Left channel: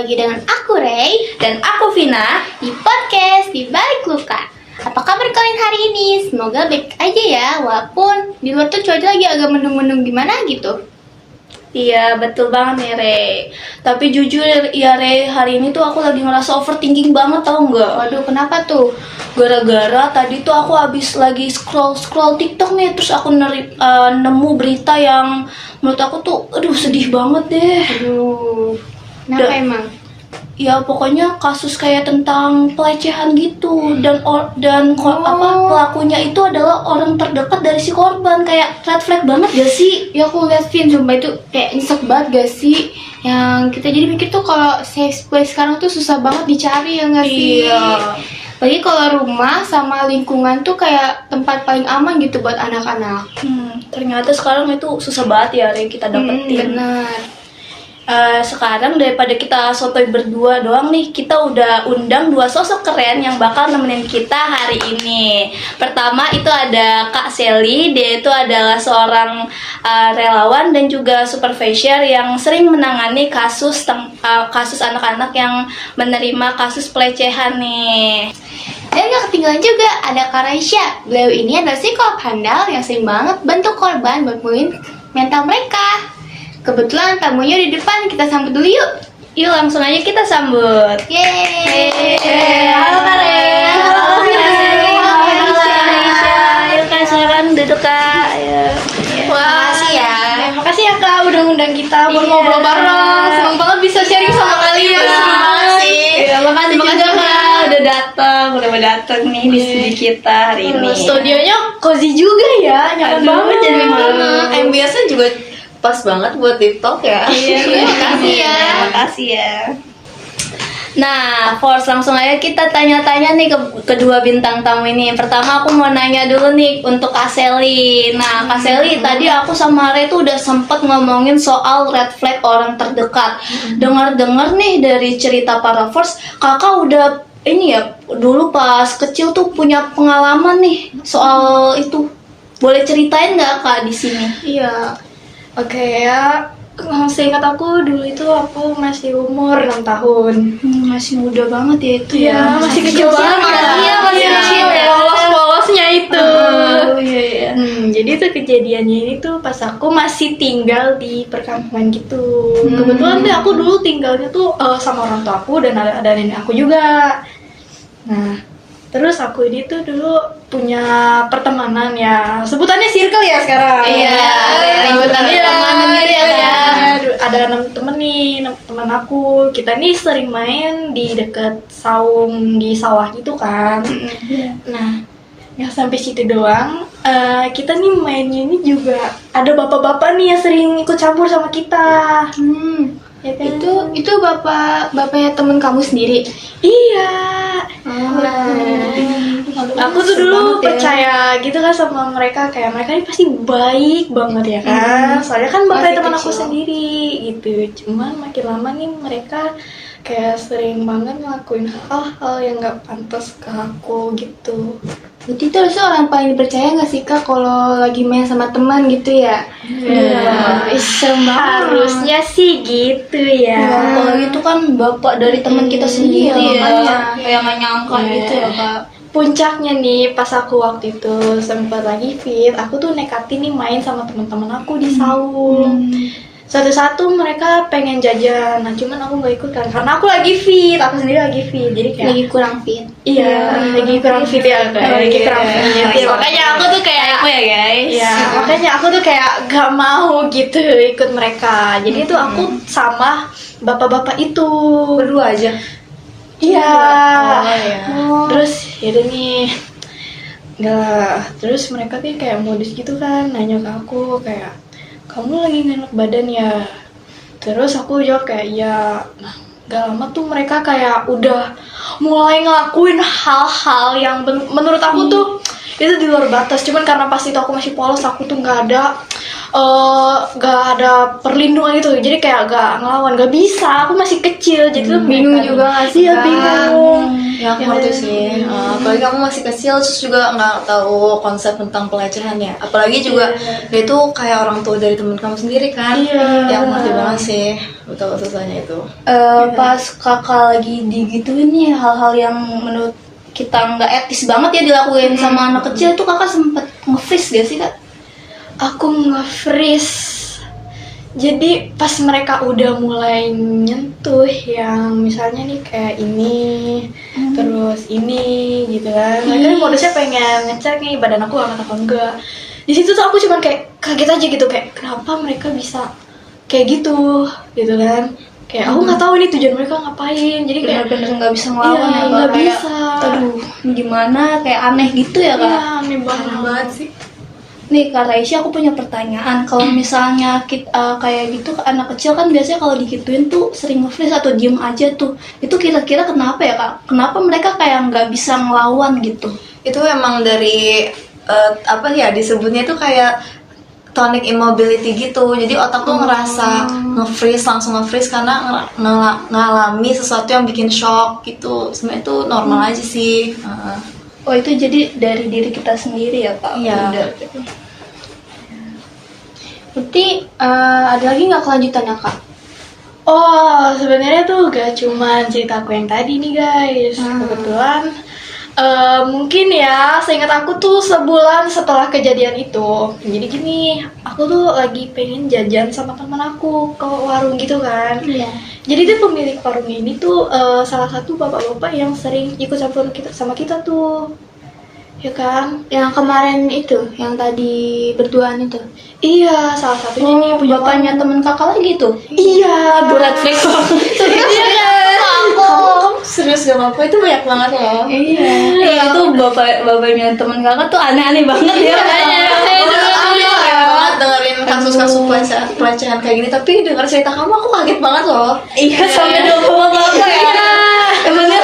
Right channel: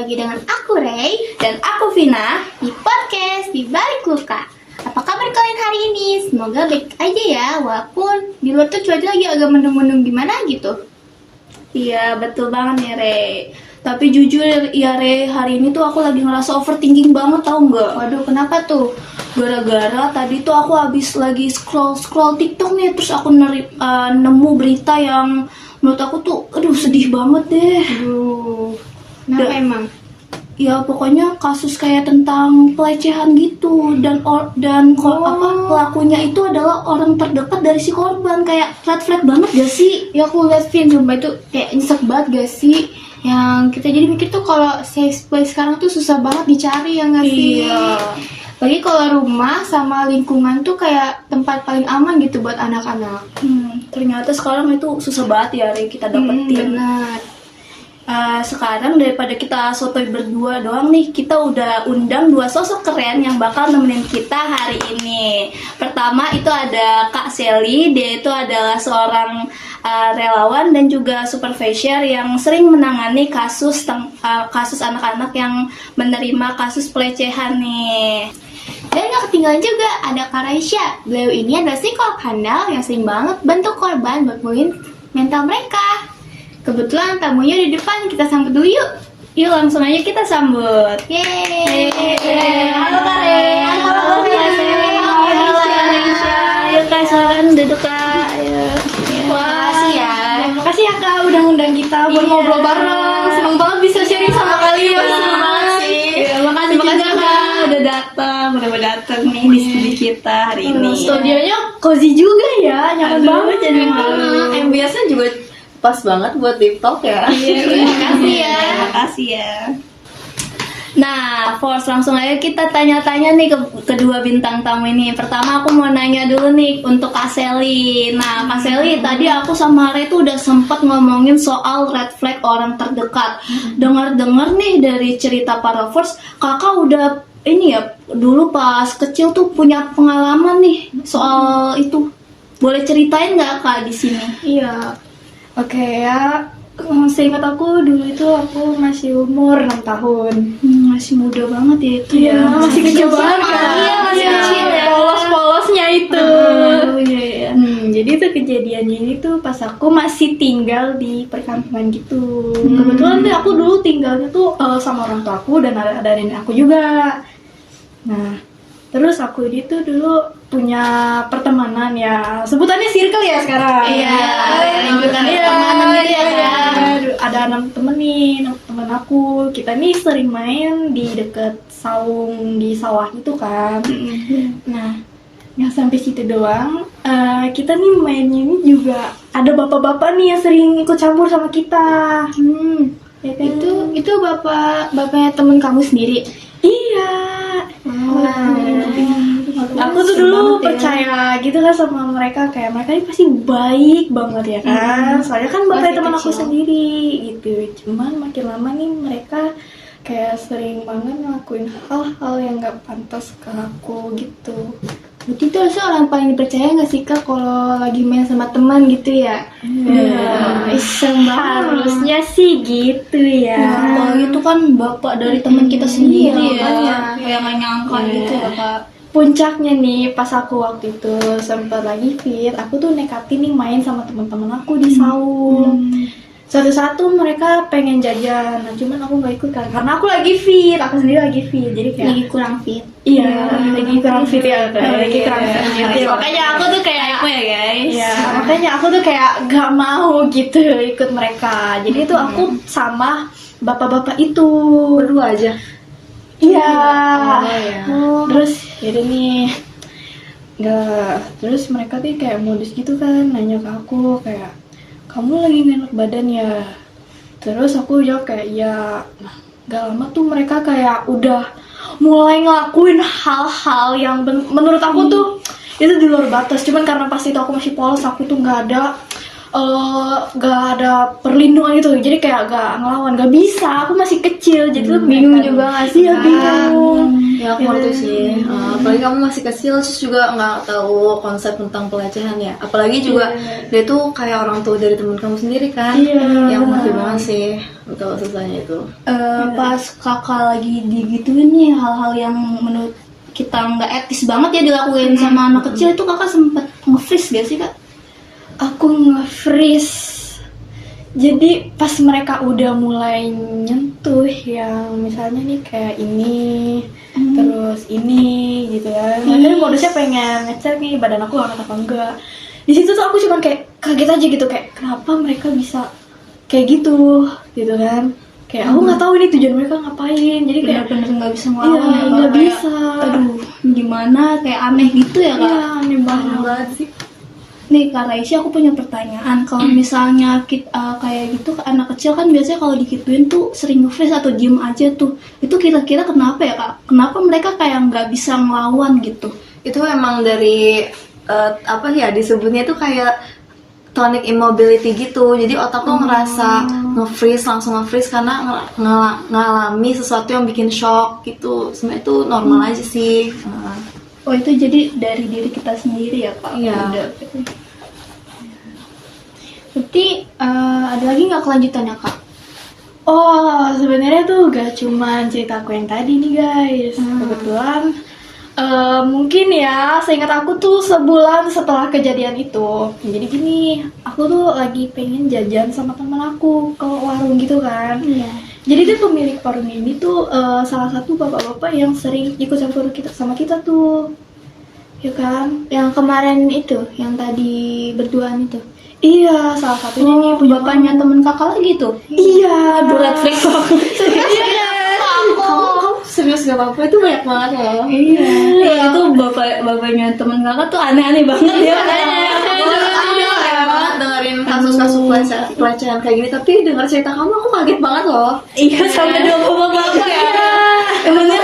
lagi dengan aku Ray Dan aku Vina. di podcast Di Balik Luka. Apa kabar kalian hari ini? Semoga baik aja ya, walaupun di luar tuh cuaca lagi agak mendung-mendung gimana gitu. Iya betul banget nih Re. Tapi jujur ya Re, hari ini tuh aku lagi ngerasa overthinking banget, tau nggak? Waduh, kenapa tuh? Gara-gara tadi tuh aku habis lagi scroll TikTok nih, terus aku nemu berita yang menurut aku tuh aduh sedih banget deh. Aduh, kenapa Da- emang? Ya pokoknya kasus kayak tentang pelecehan gitu, dan pelakunya itu adalah orang terdekat dari si korban. Kayak red flag banget gak sih? Ya aku liat Vin, sumpah itu kayak nyesek banget gak sih? Yang kita jadi mikir tuh kalau safe place sekarang tuh susah banget dicari ya gak sih? Iya. Lagi kalau rumah sama lingkungan tuh kayak tempat paling aman gitu buat anak-anak. Ternyata sekarang itu susah banget ya Re, kita dapetin. Benar. Sekarang daripada kita sotoy berdua doang nih, kita udah undang dua sosok keren yang bakal nemenin kita hari ini. Pertama itu ada Kak Sally, dia itu adalah seorang relawan dan juga supervisor yang sering menangani kasus anak-anak yang menerima kasus pelecehan nih. Dan gak ketinggalan juga ada Kak Raisya. Beliau ini adalah psikolog handal yang sering banget bantu korban buat pulih mental mereka. Kebetulan tamunya di depan, kita sambut dulu yuk. Yuk langsung aja kita sambut. Yeay. Halo Kak Re. Halo, Kak Sally. Halo Raisya. Ayo Kak, silakan duduk Kak. Ayo. Makasih ya. Makasih ya Kak udah ngundang kita buat Iya. ngobrol bareng. Seneng banget bisa sharing sama kalian. Makasih. Iya, makasih juga Kak udah datang nih di studio kita hari ini. Studionya cozy juga ya, nyaman Aduh, banget jadi jadi malam. MBS-nya juga pas banget buat TikTok ya. Makasih ya. Makasih ya. Nah, Force langsung aja kita tanya-tanya nih ke kedua bintang tamu ini. Pertama aku mau nanya dulu nih untuk Kak Sally. Nah, Kak Sally, tadi aku sama Re tuh udah sempet ngomongin soal red flag orang terdekat. Dengar-dengar nih dari cerita para Force, kakak udah ini ya dulu pas kecil tuh punya pengalaman nih soal itu. Boleh ceritain nggak Kak di sini? Iya. Oke ya. Seingat aku dulu itu aku masih umur 6 tahun. Masih muda banget ya itu Iya, masih kecil banget kan. Iya, masih kecil ya. Polos-polosnya itu. Oh iya iya. Jadi itu kejadiannya ini tuh pas aku masih tinggal di perkampungan gitu. Kebetulan tuh aku dulu tinggalnya tuh sama orang tua aku dan ada nenek aku juga. Nah, terus aku ini tuh dulu punya pertemanan ya, sebutannya circle ya sekarang. Iya, sebutannya iya, pertemanan gitu ya. iya. Ada 6 temen nih, teman aku. Kita nih sering main di dekat saung di sawah gitu kan. Nah, nggak sampai situ doang. Kita nih mainnya ini juga ada bapak-bapak nih yang sering ikut campur sama kita. Ya kan? Itu bapaknya temen kamu sendiri. Iya. Aku tuh dulu banget ya. percaya gitu kan sama mereka, kayak mereka ini pasti baik banget ya kan. Soalnya kan bapaknya Masih teman aku kecil. sendiri gitu. Cuman makin lama nih mereka kayak sering banget ngelakuin hal-hal yang nggak pantas ke aku gitu. Berarti itu harusnya orang paling dipercaya gak sih Kak kalau lagi main sama teman gitu ya? Serem banget. Harusnya sih gitu ya. Apalagi itu kan bapak dari teman kita sendiri Iya, ya. makanya. Kayak nggak nyangka gitu ya Kak. Puncaknya nih pas aku waktu itu sempat lagi fit, aku tuh nekatin nih main sama teman-teman aku di saung. Satu-satu mereka pengen jajan, nah cuman aku nggak ikut kan karena aku lagi fit, aku sendiri lagi fit, jadi kayak Lagi kurang fit. iya lagi kurang fit ya, kayak lagi kurang fit. Iya. Makanya aku tuh kayak Apa ya guys? Iya, makanya aku tuh kayak gak mau gitu ikut mereka. Jadi tuh aku sama bapak-bapak itu Berdua aja. iya. iya. Terus yaudah nih, nggak. Terus mereka tuh kayak modus gitu kan, nanya ke aku kayak, kamu lagi gak enak badan ya? Terus aku jawab kayak iya. Nah, gak lama tuh mereka kayak udah mulai ngelakuin hal-hal yang menurut aku tuh itu di luar batas. Cuman karena pas itu aku masih polos, aku tuh nggak ada gak ada perlindungan gitu, jadi kayak gak ngelawan, gak bisa, aku masih kecil, jadi tuh Bingung mereka- juga nggak sih, iya Kak? bingung. Ya aku ngerti sih. Apalagi kamu masih kecil terus juga nggak tahu konsep tentang pelecehan ya. Apalagi juga dia tuh kayak orang tua dari teman kamu sendiri kan. Iya. Ya aku ngerti banget sih betul susahnya itu. Pas kakak lagi digituin nih hal-hal yang menurut kita nggak etis banget ya dilakuin sama anak kecil, itu kakak sempet nge-freeze gak sih kak? Aku nge-freeze. Jadi pas mereka udah mulai nyentuh yang misalnya nih kayak ini, terus ini gitu kan. Mereka modusnya pengen ngecek nih badan aku hangat apa enggak. Di situ tuh aku cuman kayak kaget aja gitu, kayak kenapa mereka bisa kayak gitu kan. Kayak aku nggak tahu ini tujuan mereka ngapain. Jadi kayak Bener-bener nggak bisa ngelawan iya, ya, nggak Kak. bisa. Aduh, gimana kayak aneh gitu ya kak? Iya, aneh banget sih. Nih Kak Raisya, aku punya pertanyaan. Kalau misalnya kayak gitu anak kecil kan biasanya kalau digituin tuh sering nge-freeze atau diem aja tuh. Itu kira-kira kenapa ya Kak? Kenapa mereka kayak nggak bisa ngelawan gitu? Itu emang dari apa ya disebutnya itu kayak tonic immobility gitu. Jadi otak tuh ngerasa nge-freeze, langsung nge-freeze karena ngalami sesuatu yang bikin shock gitu. Sebenarnya itu normal aja sih. Oh itu jadi dari diri kita sendiri ya Kak? Iya. Udah. Berarti ada lagi nggak kelanjutannya Kak? Oh, sebenarnya tuh gak cuma ceritaku yang tadi nih guys. Kebetulan mungkin ya, seingat aku tuh sebulan setelah kejadian itu. Jadi gini, aku tuh lagi pengen jajan sama teman aku ke warung gitu kan. Iya. Jadi tuh pemilik warung ini tuh salah satu bapak-bapak yang sering ikut campur sama kita tuh. Ya kan? Yang kemarin itu, yang tadi berduaan itu. Iya, salah satunya nih punya Bapaknya temen kakak lagi tuh? Iya, Berat flex Kamu serius gak apa-apa? Itu banyak banget loh. Iya, itu bapaknya temen kakak tuh aneh-aneh banget ya kayaknya. Aku kaget banget dengerin kasus-kasus pelecehan kayak gini. Tapi denger cerita kamu aku kaget banget loh. Iya, sampai dua bapak ya. Emangnya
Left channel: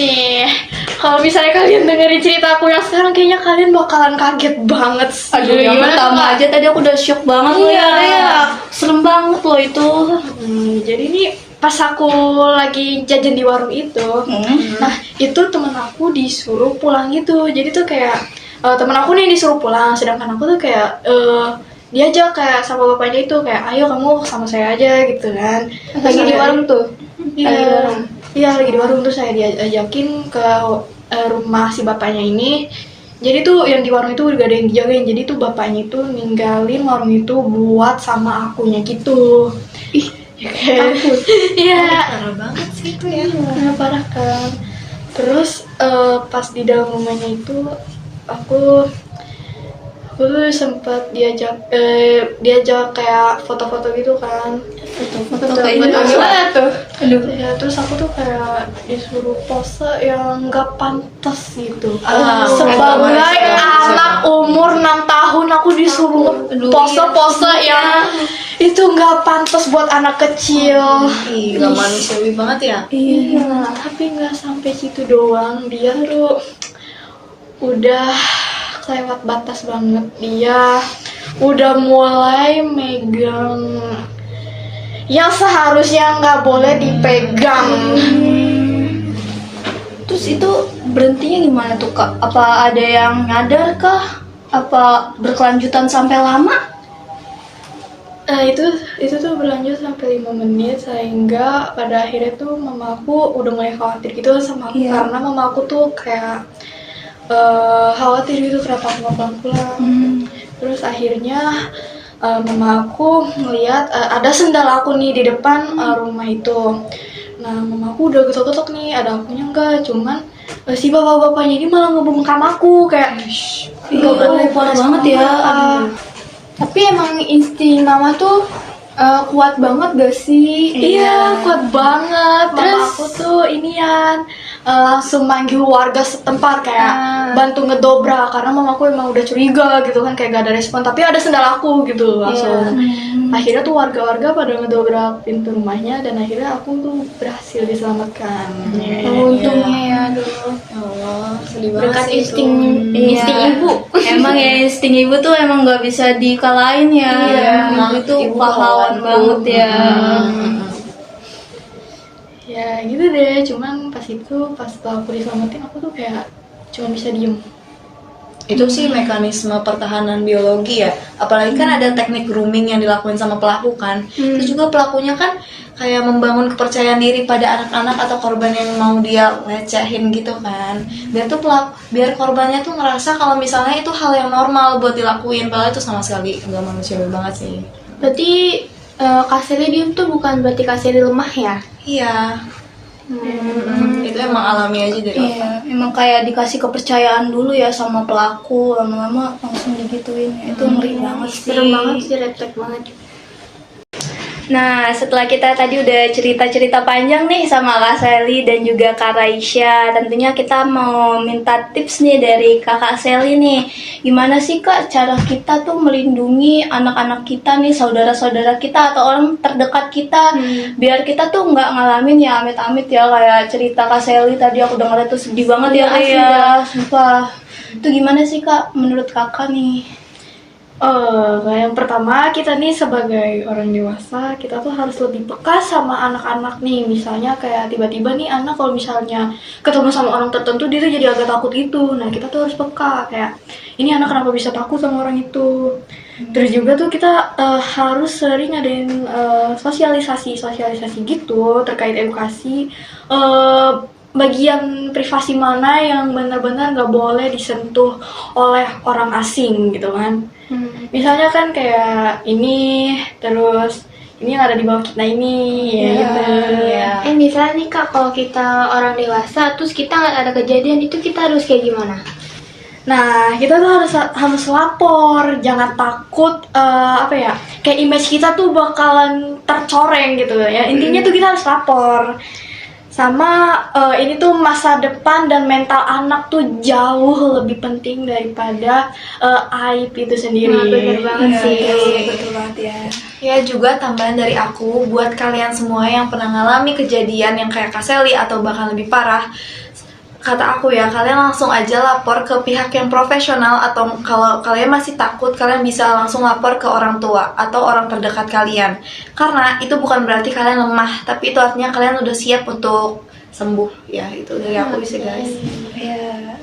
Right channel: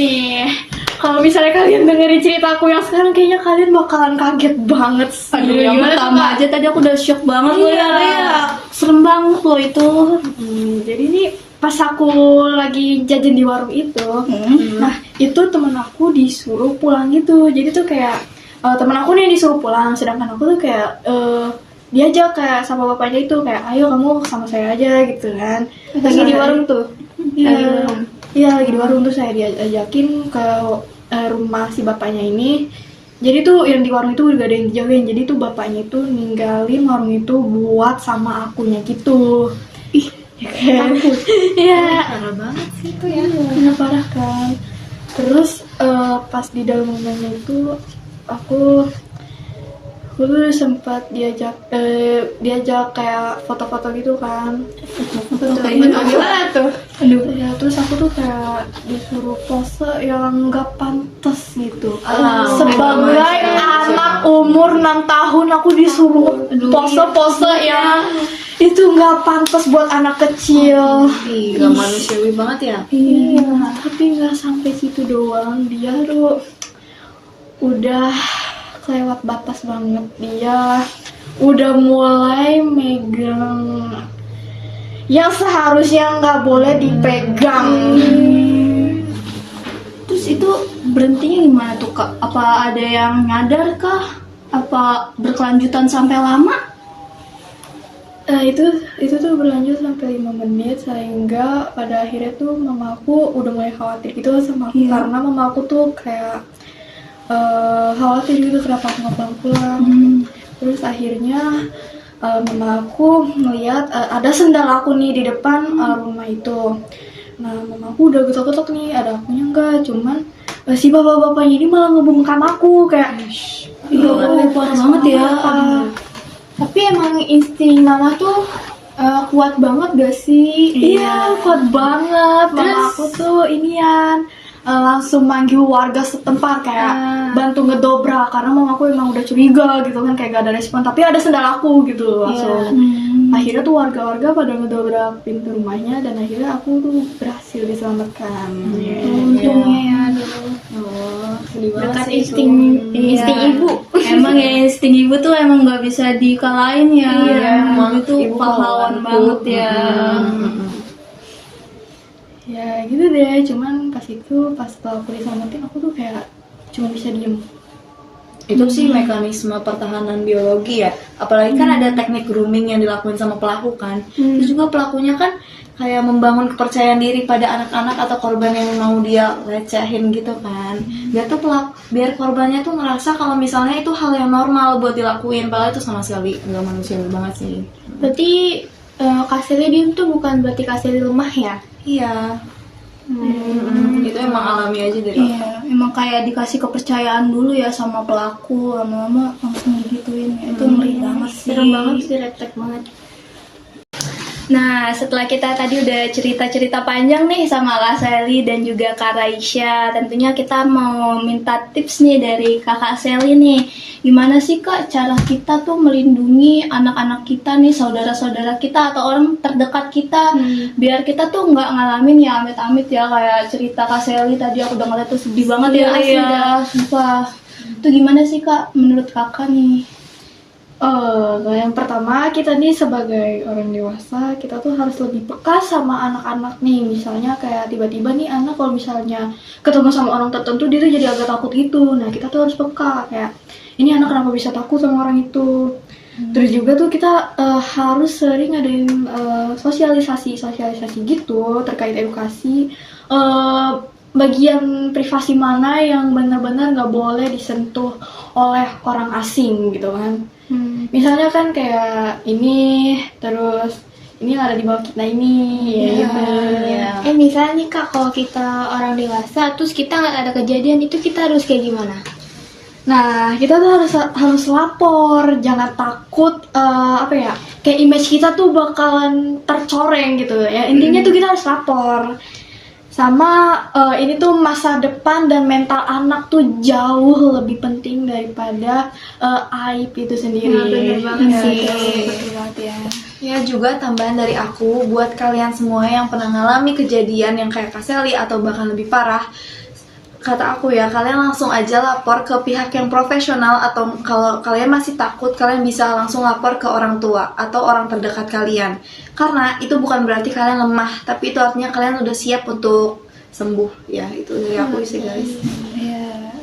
Nih, kalau misalnya kalian dengerin cerita aku yang sekarang, kayaknya kalian bakalan kaget banget sih. aduh, yang pertama aja tadi aku udah shock banget loh ya. Iya. Serem banget loh itu. Jadi nih pas aku lagi jajan di warung itu, nah itu temen aku disuruh pulang gitu. Jadi tuh kayak temen aku nih disuruh pulang, sedangkan aku tuh kayak diajak kayak sama bapaknya itu kayak ayo kamu sama saya aja gitu kan. Lagi di warung tuh. Iya, iya lagi di warung tuh saya diajakin ke rumah si bapaknya ini. Jadi tuh yang di warung itu gak ada yang dijagain. Jadi tuh bapaknya itu ninggalin warung itu buat sama akunya gitu. Ih, ya kan? Iya. Parah banget sih itu ya. Iya, parah kan. Terus pas di dalam rumahnya itu aku tuh sempat diajak kayak foto-foto gitu kan. Foto kayak gitu. Gimana tuh? Aduh. Ya, terus aku tuh kayak disuruh pose yang gak pantas gitu. bener Sebagai sih. anak umur 6 tahun aku disuruh pose-pose yang itu gak pantas buat anak kecil. Ih, gak manusiawi banget ya. Iya, tapi nggak sampai situ doang. Dia tuh udah lewat batas banget. Dia udah mulai megang yang seharusnya nggak boleh dipegang. Terus itu berhentinya gimana tuh Kak? Apa ada yang nyadar kah? Apa berkelanjutan sampai lama? Nah itu tuh berlanjut sampai 5 menit sehingga pada akhirnya tuh mamaku udah mulai khawatir gitu sama aku. Iya. Karena mamaku tuh kayak khawatir gitu kenapa aku nggak pulang. Terus akhirnya mama aku ngeliat ada sendal aku nih di depan rumah itu. Nah mama aku udah getok-getok nih, ada akunya enggak, cuman si bapak-bapaknya ini malah ngebungkam aku kayak Iya, parah banget ya. Tapi emang insting mama tuh kuat banget gak sih? Iya, kuat banget. Terus aku tuh inian langsung manggil warga setempat kayak bantu ngedobrak karena mamaku emang udah curiga gitu kan kayak gak ada respon tapi ada sendal aku gitu langsung. Akhirnya tuh warga-warga pada ngedobrak pintu rumahnya dan akhirnya aku tuh berhasil diselamatkan. Untungnya ya, aduh. Oh, sedih banget Berkat sih itu. insting ibu. Emang ya insting ibu tuh emang nggak bisa dikalahin ya. Iya, Emang itu ibu pahlawan pahlawanku. banget ya. Ya gitu deh, cuman pas setelah aku diselamatin aku tuh kayak cuma bisa diem. Itu sih mekanisme pertahanan biologi ya. Apalagi kan ada teknik grooming yang dilakuin sama pelaku kan. Terus juga pelakunya kan kayak membangun kepercayaan diri pada anak-anak atau korban yang mau dia lecehin gitu kan. Biar korbannya tuh ngerasa kalau misalnya itu hal yang normal buat dilakuin, padahal itu sama sekali nggak manusiawi banget sih. Berarti Kak Selly diem tuh bukan berarti Kak Selly lemah ya? Iya. Itu emang alami aja dari otak. Iya, emang kayak dikasih kepercayaan dulu ya sama pelaku, lama-lama langsung digituin. Itu ngeri banget sih. Serem banget sih, refleks banget. Nah, setelah kita tadi udah cerita-cerita panjang nih sama Kak Selly dan juga Kak Raisya, tentunya kita mau minta tips nih dari Kakak Selly nih. Gimana sih Kak cara kita tuh melindungi anak-anak kita nih, saudara-saudara kita atau orang terdekat kita, biar kita tuh nggak ngalamin ya amit-amit ya kayak cerita Kak Selly tadi, aku udah ngeliat tuh sedih banget ya Kak ya, sumpah. Itu gimana sih Kak menurut Kakak nih? Yang pertama kita nih sebagai orang dewasa kita tuh harus lebih peka sama anak-anak nih. Misalnya kayak tiba-tiba nih anak kalau misalnya ketemu sama orang tertentu dia tuh jadi agak takut gitu. Nah kita tuh harus peka kayak ini anak kenapa bisa takut sama orang itu. Terus juga tuh kita harus sering ngadain sosialisasi gitu terkait edukasi. Bagian privasi mana yang benar-benar nggak boleh disentuh oleh orang asing gitu kan. Misalnya kan kayak ini, terus ini yang ada di bawah kita ini, ya gitu. Misalnya nih Kak, kalau kita orang dewasa, terus kita nggak ada kejadian itu kita harus kayak gimana? Nah, kita tuh harus lapor, jangan takut kayak image kita tuh bakalan tercoreng gitu ya. Intinya tuh kita harus lapor. Sama ini tuh masa depan dan mental anak tuh jauh lebih penting daripada aib itu sendiri. Nah, bener banget sih. Betul banget ya. Ya juga tambahan dari aku buat kalian semua yang pernah ngalami kejadian yang kayak Kak Selly atau bahkan lebih parah, kata aku ya, kalian langsung aja lapor ke pihak yang profesional, atau kalau kalian masih takut, kalian bisa langsung lapor ke orang tua atau orang terdekat kalian. Karena itu bukan berarti kalian lemah, tapi itu artinya kalian udah siap untuk sembuh. Ya, itu dari aku sih guys. Iya.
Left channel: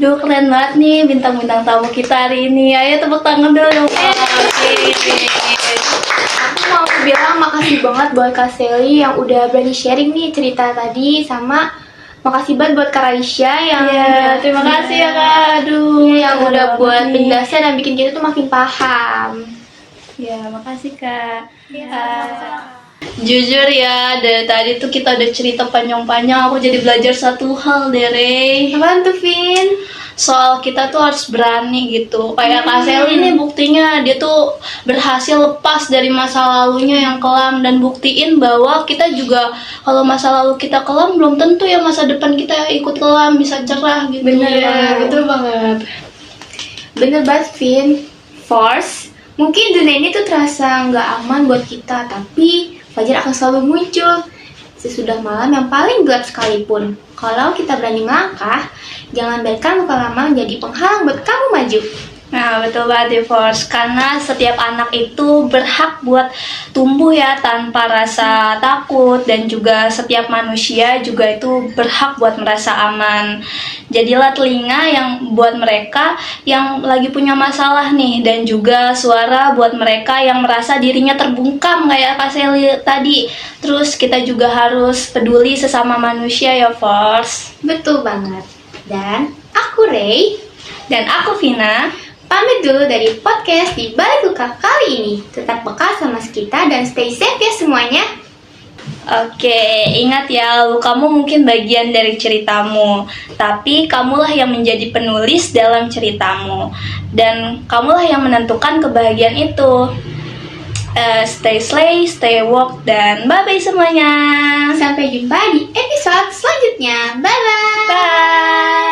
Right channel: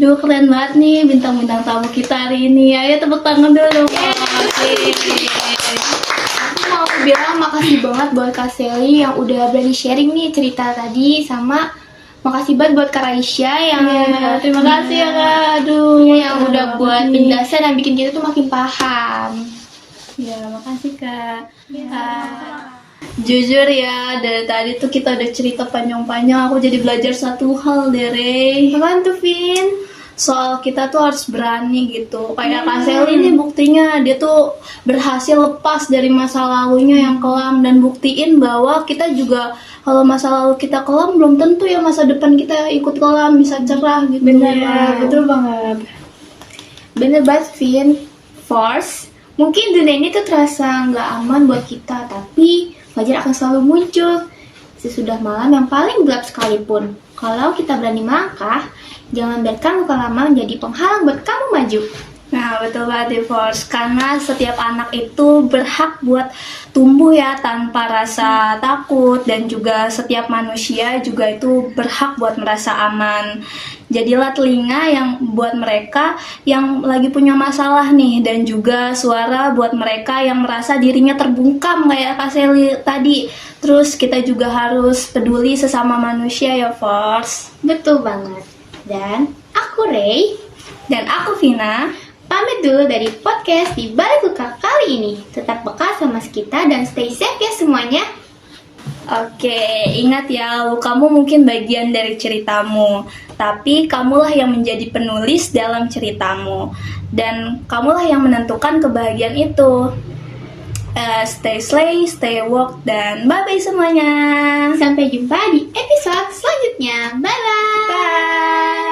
Duh, keren banget nih bintang-bintang tamu kita hari ini. Ayo tepuk tangan dulu dong. Aku mau bilang makasih banget buat Kak Selly yang udah berani sharing nih cerita tadi, sama makasih banget buat Kak Raisya yang Terima kasih ya Kak. Aduh, yang udah buat penjelasan dan bikin kita tuh makin paham. Ya, makasih Kak. Jujur ya, dari tadi tuh kita udah cerita panjang-panjang, aku jadi belajar satu hal deh, Rey. Apaan tuh, Vin? Soal kita tuh harus berani gitu. Kayak Kak Selly ini buktinya dia tuh berhasil lepas dari masa lalunya yang kelam dan buktiin bahwa kita juga kalau masa lalu kita kelam belum tentu ya masa depan kita ikut kelam bisa cerah gitu. Bener, betul banget. Bener banget, Vin. Force, mungkin dunia ini tuh terasa nggak aman buat kita, tapi fajar akan selalu muncul sesudah malam yang paling gelap sekalipun. Kalau kita berani melangkah, jangan biarkan luka lama menjadi penghalang buat kamu maju. Nah, betul banget Force, karena setiap anak itu berhak buat tumbuh ya tanpa rasa takut, dan juga setiap manusia juga itu berhak buat merasa aman. Jadilah telinga yang buat mereka yang lagi punya masalah nih, dan juga suara buat mereka yang merasa dirinya terbungkam kayak Kak Selly tadi. Terus kita juga harus peduli sesama manusia ya Force. Betul banget. Dan aku Ray, Dan aku Vina. pamit dulu dari podcast di Balik Luka kali ini. Tetap peka sama kita dan stay safe ya semuanya. Oke, ingat ya, lukamu mungkin bagian dari ceritamu, tapi kamulah yang menjadi penulis dalam ceritamu, dan kamulah yang menentukan kebahagiaan itu. Stay slay, stay walk, dan bye-bye semuanya. Sampai jumpa di episode selanjutnya. Bye-bye. Bye.